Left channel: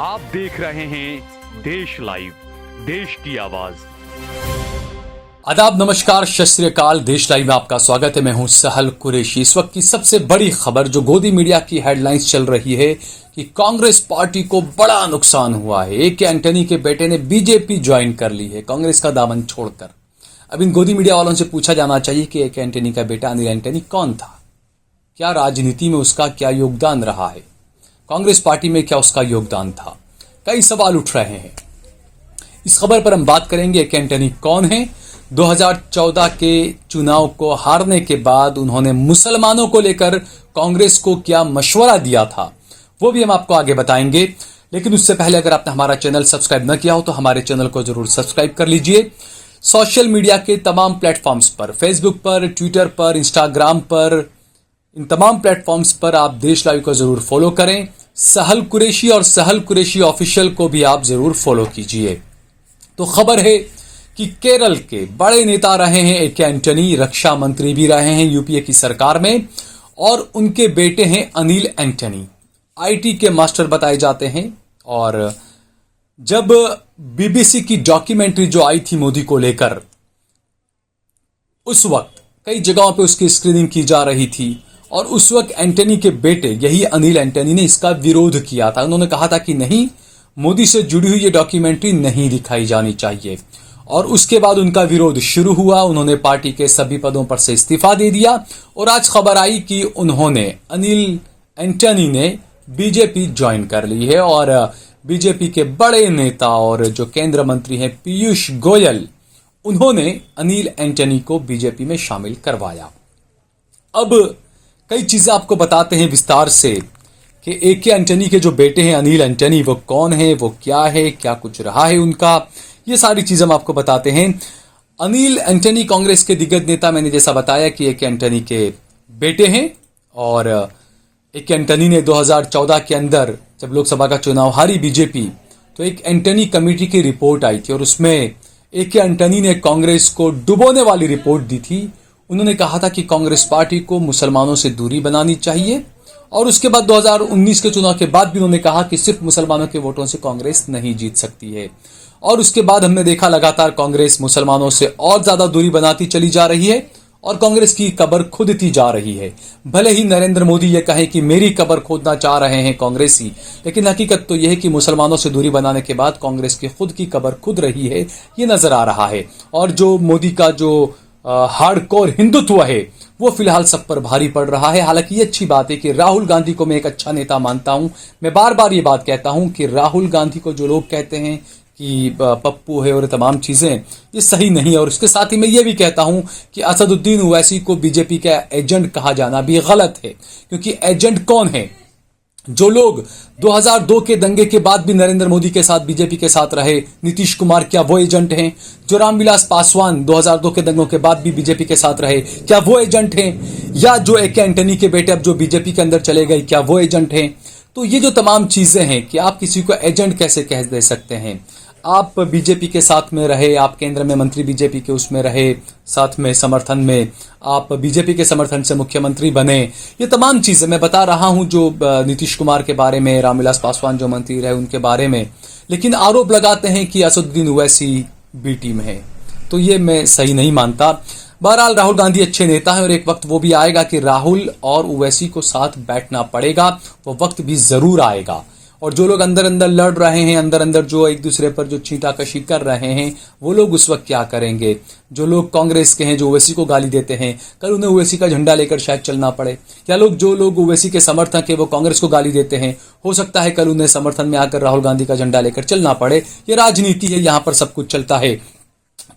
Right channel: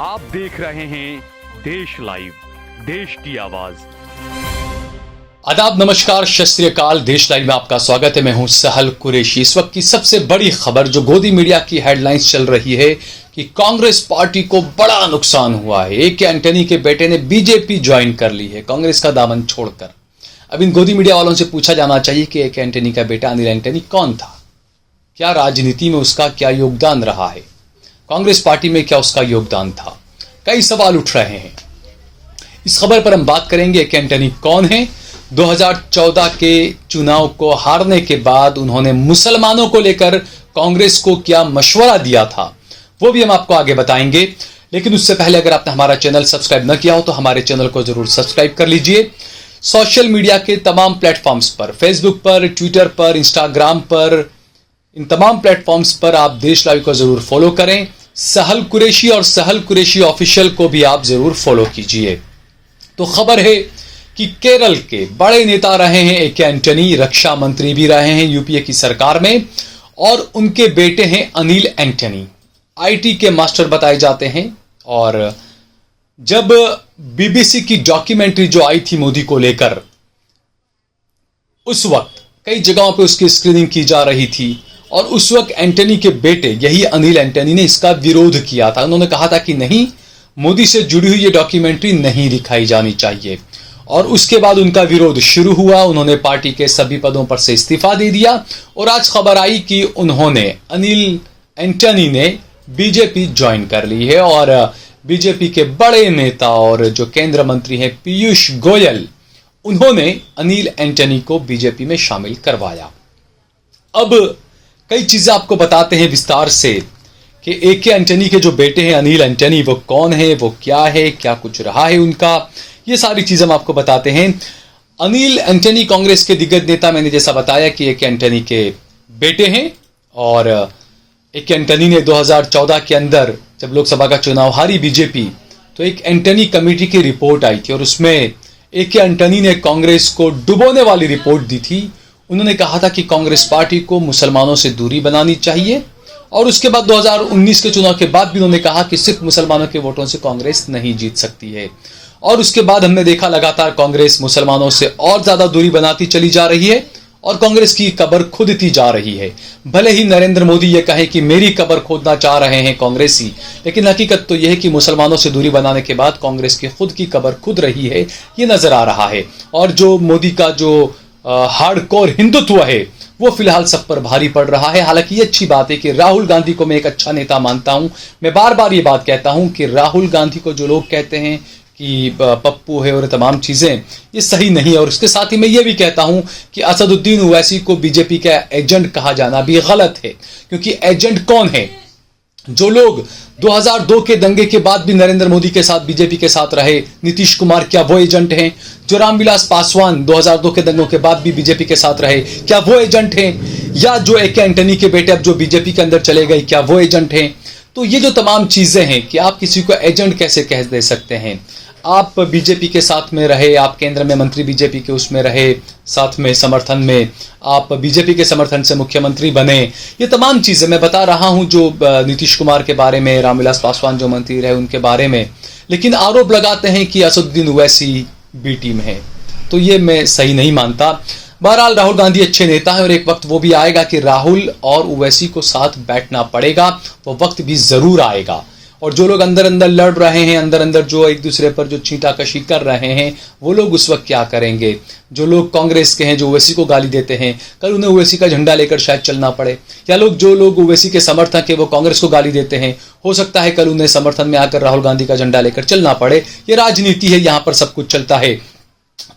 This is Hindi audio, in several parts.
आप देख रहे हैं देश लाइव, देश की आवाज। आदाब, नमस्कार, सत श्री अकाल। देश लाइव में आपका स्वागत है। मैं हूं सहल कुरैशी। इस वक्त की सबसे बड़ी खबर जो गोदी मीडिया की हेडलाइंस चल रही है कि कांग्रेस पार्टी को बड़ा नुकसान हुआ है। ए के एंटनी के बेटे ने बीजेपी ज्वाइन कर ली है, कांग्रेस का दामन छोड़कर। अब इन गोदी मीडिया वालों से पूछा जाना चाहिए कि ए के एंटनी का बेटा अनिल एंटनी कौन था, क्या राजनीति में उसका क्या योगदान रहा है, कांग्रेस पार्टी में क्या उसका योगदान था। कई सवाल उठ रहे हैं। इस खबर पर हम बात करेंगे। ए के एंटनी कौन है? 2014 के चुनाव को हारने के बाद उन्होंने मुसलमानों को लेकर कांग्रेस को क्या मशवरा दिया था, वो भी हम आपको आगे बताएंगे। लेकिन उससे पहले अगर आपने हमारा चैनल सब्सक्राइब न किया हो तो हमारे चैनल को जरूर सब्सक्राइब कर लीजिए। सोशल मीडिया के तमाम प्लेटफॉर्म्स पर, फेसबुक पर, ट्विटर पर, इंस्टाग्राम पर, इन तमाम प्लेटफॉर्म्स पर आप देश लाइव को जरूर फॉलो करें। सहल कुरैशी और सहल कुरैशी ऑफिशियल को भी आप जरूर फॉलो कीजिए। तो खबर है कि केरल के बड़े नेता रहे हैं ए के एंटनी, रक्षा मंत्री भी रहे हैं यूपीए की सरकार में, और उनके बेटे हैं अनिल एंटनी, आईटी के मास्टर बताए जाते हैं। और जब बीबीसी की डॉक्यूमेंट्री जो आई थी मोदी को लेकर, उस वक्त कई जगहों पे उसकी स्क्रीनिंग की जा रही थी और उस वक्त एंटनी के बेटे यही अनिल एंटनी ने इसका विरोध किया था। उन्होंने कहा था कि नहीं, मोदी से जुड़ी हुई ये डॉक्यूमेंट्री नहीं दिखाई जानी चाहिए। और उसके बाद उनका विरोध शुरू हुआ। उन्होंने पार्टी के सभी पदों पर से इस्तीफा दे दिया और आज खबर आई कि उन्होंने, अनिल एंटनी ने बीजेपी ज्वाइन कर ली है। और बीजेपी के बड़े नेता और जो केंद्र मंत्री हैं पीयूष गोयल, उन्होंने अनिल एंटनी को बीजेपी में शामिल करवाया। अब कई चीजें आपको बताते हैं विस्तार से कि ए के एंटनी के जो बेटे हैं अनिल एंटनी, वो कौन है, वो क्या है, क्या कुछ रहा है उनका, ये सारी चीजें हम आपको बताते हैं। अनिल एंटनी कांग्रेस के दिग्गज नेता, मैंने जैसा बताया कि ए के एंटनी के बेटे हैं। और ए के एंटनी ने 2014 के अंदर जब लोकसभा का चुनाव हारी बीजेपी, तो एक एंटनी कमेटी की रिपोर्ट आई थी और उसमें ए के एंटनी ने कांग्रेस को डुबोने वाली रिपोर्ट दी थी। उन्होंने कहा था कि कांग्रेस पार्टी को मुसलमानों से दूरी बनानी चाहिए। और उसके बाद 2019 के चुनाव के बाद भी उन्होंने कहा कि सिर्फ मुसलमानों के वोटों से कांग्रेस नहीं जीत सकती है। और उसके बाद हमने देखा लगातार कांग्रेस मुसलमानों से और ज्यादा दूरी बनाती चली जा रही है और कांग्रेस की कब्र खुदती जा रही है। भले ही नरेंद्र मोदी ये कहें कि मेरी कब्र खोदना चाह रहे हैं कांग्रेसी, लेकिन हकीकत तो यह है कि मुसलमानों से दूरी बनाने के बाद कांग्रेस की खुद की कब्र खुद रही है, ये नजर आ रहा है। और जो मोदी का जो हार्डकोर हिंदुत्व है वो फिलहाल सब पर भारी पड़ रहा है। हालांकि ये अच्छी बात है कि राहुल गांधी को मैं एक अच्छा नेता मानता हूं। मैं बार बार ये बात कहता हूं कि राहुल गांधी को जो लोग कहते हैं कि पप्पू है और तमाम चीजें, ये सही नहीं है। और उसके साथ ही मैं ये भी कहता हूं कि असदुद्दीन ओवैसी को बीजेपी का एजेंट कहा जाना भी गलत है, क्योंकि एजेंट कौन है? जो लोग 2002 के दंगे के बाद भी नरेंद्र मोदी के साथ, बीजेपी के साथ रहे, नीतीश कुमार, क्या वो एजेंट हैं? जो रामविलास पासवान 2002 के दंगों के बाद भी बीजेपी के साथ रहे, क्या वो एजेंट हैं? या जो ए के एंटनी के बेटे अब जो बीजेपी के अंदर चले गए, क्या वो एजेंट हैं? तो ये जो तमाम चीजें हैं कि आप किसी को एजेंट कैसे कह दे सकते हैं? आप बीजेपी के साथ में रहे, आप केंद्र में मंत्री बीजेपी के उसमें रहे, साथ में समर्थन में आप बीजेपी के समर्थन से मुख्यमंत्री बने, ये तमाम चीजें मैं बता रहा हूं जो नीतीश कुमार के बारे में, रामविलास पासवान जो मंत्री रहे उनके बारे में। लेकिन आरोप लगाते हैं कि असदुद्दीन ओवैसी बी टीम है, तो ये मैं सही नहीं मानता। बहरहाल राहुल गांधी अच्छे नेता हैं और एक वक्त वो भी आएगा कि राहुल और ओवैसी को साथ बैठना पड़ेगा, वो वक्त भी जरूर आएगा। और जो लोग अंदर अंदर लड़ रहे हैं, अंदर अंदर जो एक दूसरे पर जो छींटाकशी कर रहे हैं, वो लोग उस वक्त क्या करेंगे? जो लोग कांग्रेस के हैं, जो ओवैसी को गाली देते हैं, कल उन्हें ओवैसी का झंडा लेकर शायद चलना पड़े। या जो लोग ओवैसी के समर्थक हैं वो कांग्रेस को गाली देते हैं, हो सकता है कल उन्हें समर्थन में आकर राहुल गांधी का झंडा लेकर चलना पड़े। ये राजनीति है, यहाँ पर सब कुछ चलता है।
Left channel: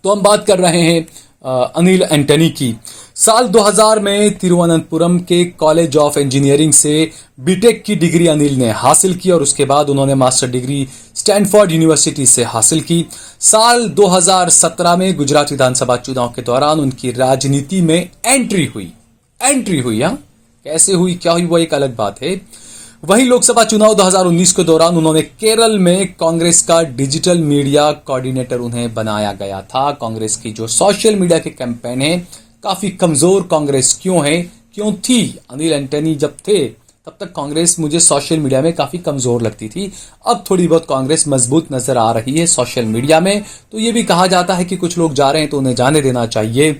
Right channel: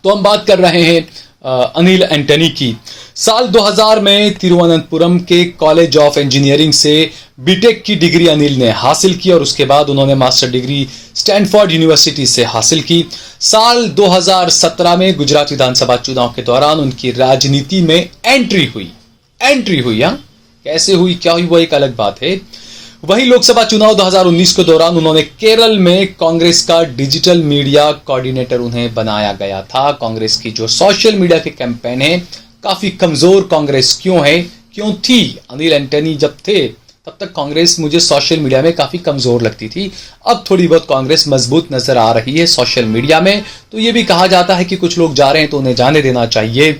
तो हम बात कर रहे हैं अनिल एंटनी की। साल 2000 में तिरुवनंतपुरम के कॉलेज ऑफ इंजीनियरिंग से बीटेक की डिग्री अनिल ने हासिल की और उसके बाद उन्होंने मास्टर डिग्री स्टैनफोर्ड यूनिवर्सिटी से हासिल की। साल 2017 में गुजरात विधानसभा चुनाव के दौरान उनकी राजनीति में एंट्री हुई। कैसे हुई, क्या हुई, वो एक अलग बात है। वहीं लोकसभा चुनाव 2019 के दौरान उन्होंने केरल में कांग्रेस का डिजिटल मीडिया कोऑर्डिनेटर उन्हें बनाया गया था। कांग्रेस की जो सोशल मीडिया के कैंपेन है, काफी कमजोर कांग्रेस क्यों है, क्यों थी? अनिल एंटनी जब थे तब तक कांग्रेस मुझे सोशल मीडिया में काफ़ी कमज़ोर लगती थी। अब थोड़ी बहुत कांग्रेस मजबूत नज़र आ रही है सोशल मीडिया में। तो ये भी कहा जाता है कि कुछ लोग जा रहे हैं तो उन्हें जाने देना चाहिए।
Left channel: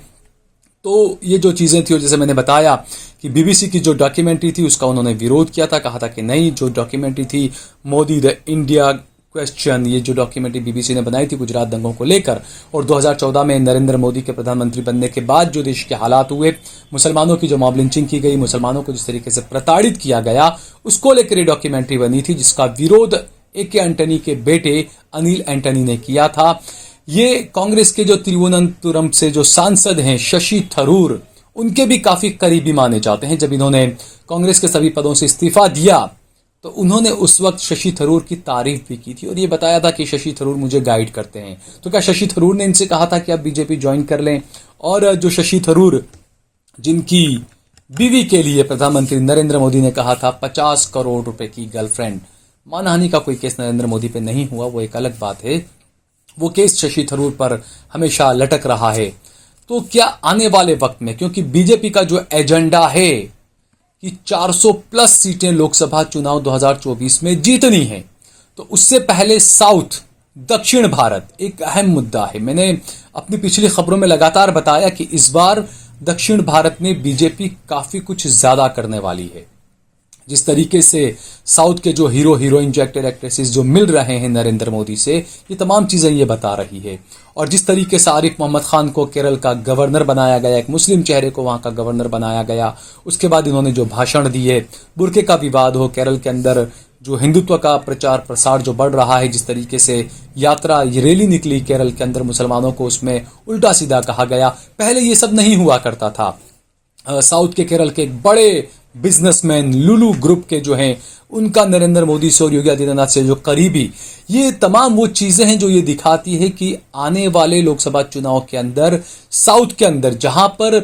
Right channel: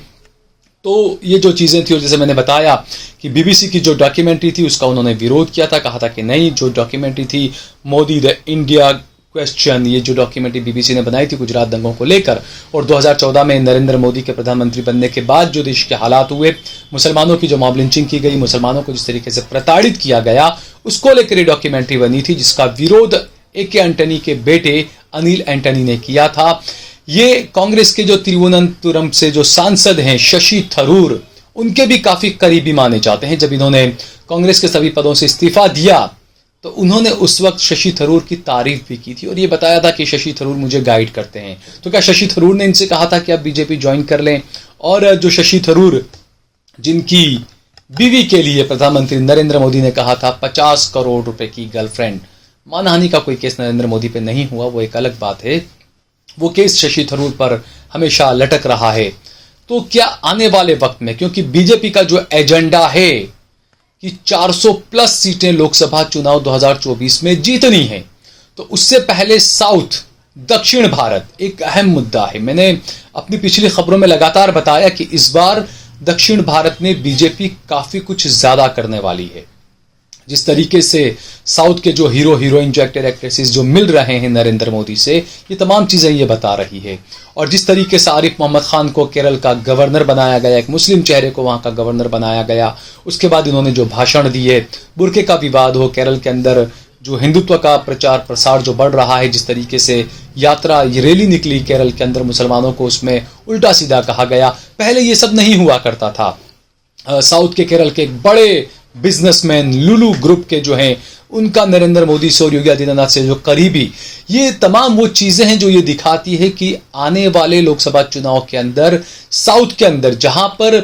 तो ये जो चीज़ें थी, और जैसे मैंने बताया कि बीबीसी की जो डॉक्यूमेंट्री थी उसका उन्होंने विरोध किया था, कहा था कि नहीं, जो डॉक्यूमेंट्री थी मोदी द इंडिया क्वेश्चन, ये जो डॉक्यूमेंट्री बीबीसी ने बनाई थी गुजरात दंगों को लेकर, और 2014 में नरेंद्र मोदी के प्रधानमंत्री बनने के बाद जो देश के हालात हुए, मुसलमानों की जो मॉब लिंचिंग की गई, मुसलमानों को जिस तरीके से प्रताड़ित किया गया, उसको लेकर ये डॉक्यूमेंट्री बनी थी, जिसका विरोध ए.के. एंटनी के बेटे अनिल एंटनी ने किया था। ये कांग्रेस के जो तिरुवनंतपुरम से जो सांसद हैं शशि थरूर, उनके भी काफ़ी करीबी माने जाते हैं। जब इन्होंने कांग्रेस के सभी पदों से इस्तीफा दिया तो उन्होंने उस वक्त शशि थरूर की तारीफ भी की थी और ये बताया था कि शशि थरूर मुझे गाइड करते हैं। तो क्या शशि थरूर ने इनसे कहा था कि आप बीजेपी ज्वाइन कर लें? और जो शशि थरूर, जिनकी बीवी के लिए प्रधानमंत्री नरेंद्र मोदी ने कहा था 50 करोड़ रुपए की गर्लफ्रेंड, मानहानि का कोई केस नरेंद्र मोदी पे नहीं हुआ, वो एक अलग बात है, वो केस शशि थरूर पर हमेशा लटक रहा है। तो क्या आने वाले वक्त में, क्योंकि बीजेपी का जो एजेंडा है कि 400 प्लस सीटें लोकसभा चुनाव 2024 में जीतनी है, तो उससे पहले साउथ, दक्षिण भारत एक अहम मुद्दा है। मैंने अपनी पिछली खबरों में लगातार बताया कि इस बार दक्षिण भारत में बीजेपी काफ़ी कुछ ज़्यादा करने वाली है। जिस तरीके से साउथ के जो हीरो हीरोइन, जो एक्टर एक्ट्रेसेस जो मिल रहे हैं नरेंद्र मोदी से, ये तमाम चीज़ें ये बता रही है। और जिस तरीके से आरिफ मोहम्मद खान को केरल का गवर्नर बनाया गया, एक मुस्लिम चेहरे को वहाँ का गवर्नर बनाया गया, उसके बाद इन्होंने जो भाषण दिए, बुर्के का विवाद हो, केरल के अंदर जो हिंदुत्व का प्रचार प्रसार जो बढ़ रहा है, जिस तरीके से यात्रा रैली निकली केरल के अंदर, मुसलमानों को उसमें उल्टा सीधा कहा गया। पहले ये सब नहीं हुआ करता था। साउथ के केरल के एक बड़े बिजनेसमैन लुलू ग्रुप के जो हैं, उनका नरेंद्र मोदी से और योगी आदित्यनाथ से जो करीबी, ये तमाम वो चीज़ें हैं जो ये दिखाती है कि आने वाले लोकसभा चुनाव के अंदर साउथ के अंदर जहां पर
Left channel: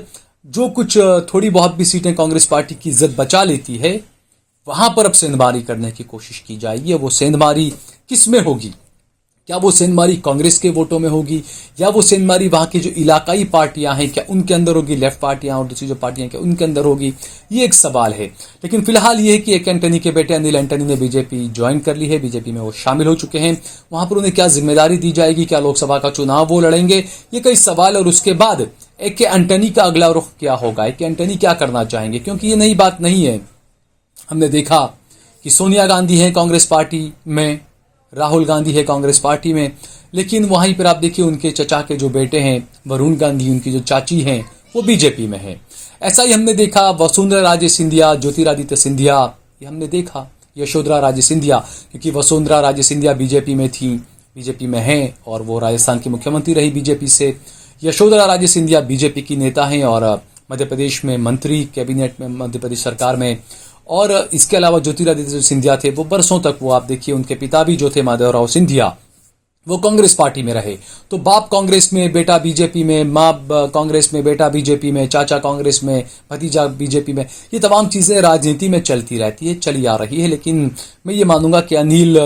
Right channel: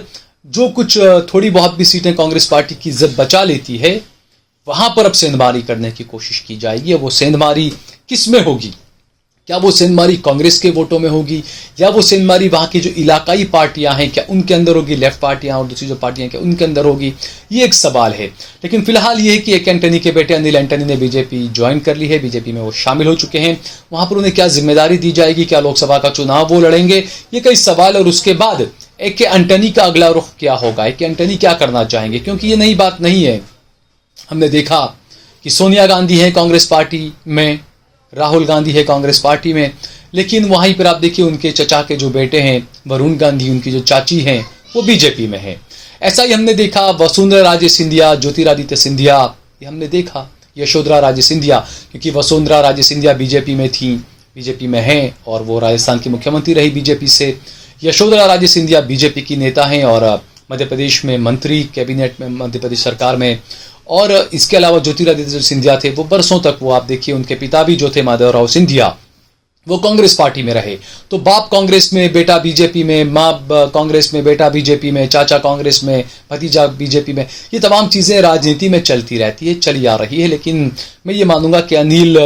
जो कुछ थोड़ी बहुत भी सीटें कांग्रेस पार्टी की इज्जत बचा लेती है, वहां पर अब सेंधमारी करने की कोशिश की जाएगी। वो सेंधमारी किस में होगी? क्या वो सेंधमारी कांग्रेस के वोटों में होगी, या वो सेंधमारी वहाँ की जो इलाकाई पार्टियां हैं क्या उनके अंदर होगी, लेफ्ट पार्टियां और दूसरी जो पार्टियां क्या उनके अंदर होगी? ये एक सवाल है। लेकिन फिलहाल ये है कि ए.के. एंटनी के बेटे अनिल एंटनी ने बीजेपी ज्वाइन कर ली है, बीजेपी में वो शामिल हो चुके हैं। वहाँ पर उन्हें क्या जिम्मेदारी दी जाएगी, क्या लोकसभा का चुनाव वो लड़ेंगे, ये कई सवाल। और उसके बाद ए.के. एंटनी का अगला रुख क्या होगा, ए.के. एंटनी क्या करना चाहेंगे? क्योंकि ये नई बात नहीं है। हमने देखा कि सोनिया गांधी है कांग्रेस पार्टी में, राहुल गांधी है कांग्रेस पार्टी में, लेकिन वहीं पर आप देखिए उनके चचा के जो बेटे हैं वरुण गांधी, उनकी जो चाची हैं, वो बीजेपी में है। ऐसा ही हमने देखा वसुंधरा राजे सिंधिया, ज्योतिरादित्य सिंधिया, ये हमने देखा, यशोधरा राजे सिंधिया, क्योंकि वसुंधरा राजे सिंधिया बीजेपी में थी, बीजेपी में हैं और वो राजस्थान की मुख्यमंत्री रही बीजेपी से। यशोधरा राजे सिंधिया बीजेपी की नेता हैं और मध्य प्रदेश में मंत्री, कैबिनेट में मध्य प्रदेश सरकार में। और इसके अलावा ज्योतिरादित्य सिंधिया थे, वो बरसों तक, वो आप देखिए उनके पिता भी जो थे माधवराव सिंधिया, वो कांग्रेस पार्टी में रहे। तो बाप कांग्रेस में, बेटा बीजेपी में, माँ कांग्रेस में, बेटा बीजेपी में, चाचा कांग्रेस में, भतीजा बीजेपी में, ये तमाम चीज़ें राजनीति में चलती रहती है, चली आ रही है। लेकिन मैं ये मानूंगा कि अनिल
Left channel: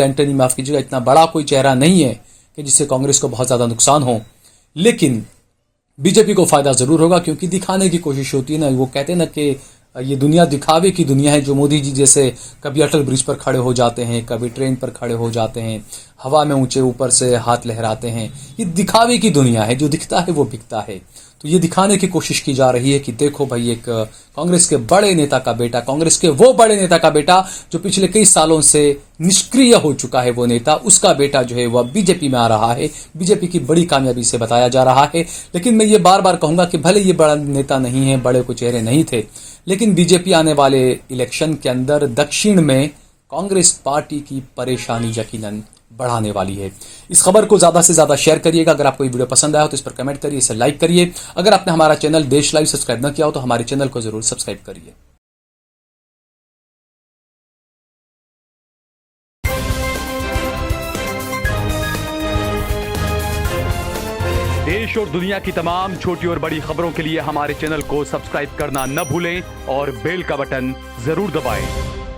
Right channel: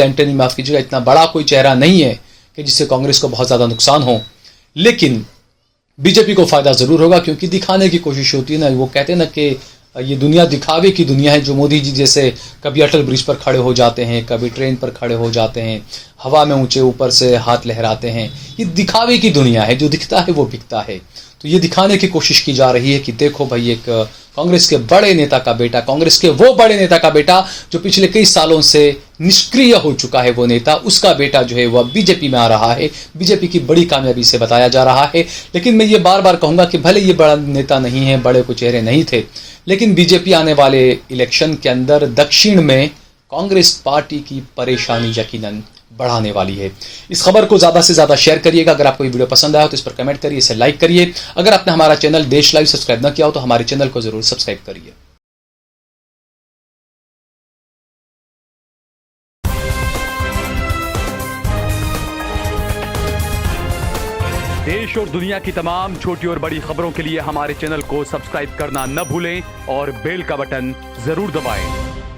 एंटनी, माफ़ कीजिएगा, इतना बड़ा कोई चेहरा नहीं है कि जिससे कांग्रेस को बहुत ज़्यादा नुकसान हो। लेकिन बीजेपी को फ़ायदा ज़रूर होगा, क्योंकि दिखाने की कोशिश होती है ना, वो कहते हैं ना कि ये दुनिया दिखावे की दुनिया है। जो मोदी जी जैसे कभी अटल ब्रिज पर खड़े हो जाते हैं, कभी ट्रेन पर खड़े हो जाते हैं, हवा में ऊंचे ऊपर से हाथ लहराते हैं, ये दिखावे की दुनिया है। जो दिखता है वो बिकता है। तो ये दिखाने की कोशिश की जा रही है कि देखो भाई, एक कांग्रेस के बड़े नेता का बेटा, कांग्रेस के वो बड़े नेता का बेटा जो पिछले कई सालों से निष्क्रिय हो चुका है, वो नेता, उसका बेटा जो है वह बीजेपी में आ रहा है। बीजेपी की बड़ी कामयाबी से बताया जा रहा है। लेकिन मैं ये बार बार कहूँगा कि भले ये बड़ा नेता नहीं है, बड़े को चेहरे नहीं थे, लेकिन बीजेपी आने वाले इलेक्शन के अंदर दक्षिण में कांग्रेस पार्टी की परेशानी यकीनन बढ़ाने वाली है। इस खबर को ज़्यादा से ज़्यादा शेयर करिएगा। अगर आपको ये वीडियो पसंद आया तो इस पर कमेंट करिए, इसे लाइक करिए। अगर आपने हमारा चैनल देश लाइव सब्सक्राइब न किया हो तो हमारे चैनल को ज़रूर सब्सक्राइब करिए। देश और दुनिया की तमाम छोटी और बड़ी खबरों के लिए हमारे चैनल को सब्सक्राइब करना न भूलें और बेल का बटन जरूर दबाएं।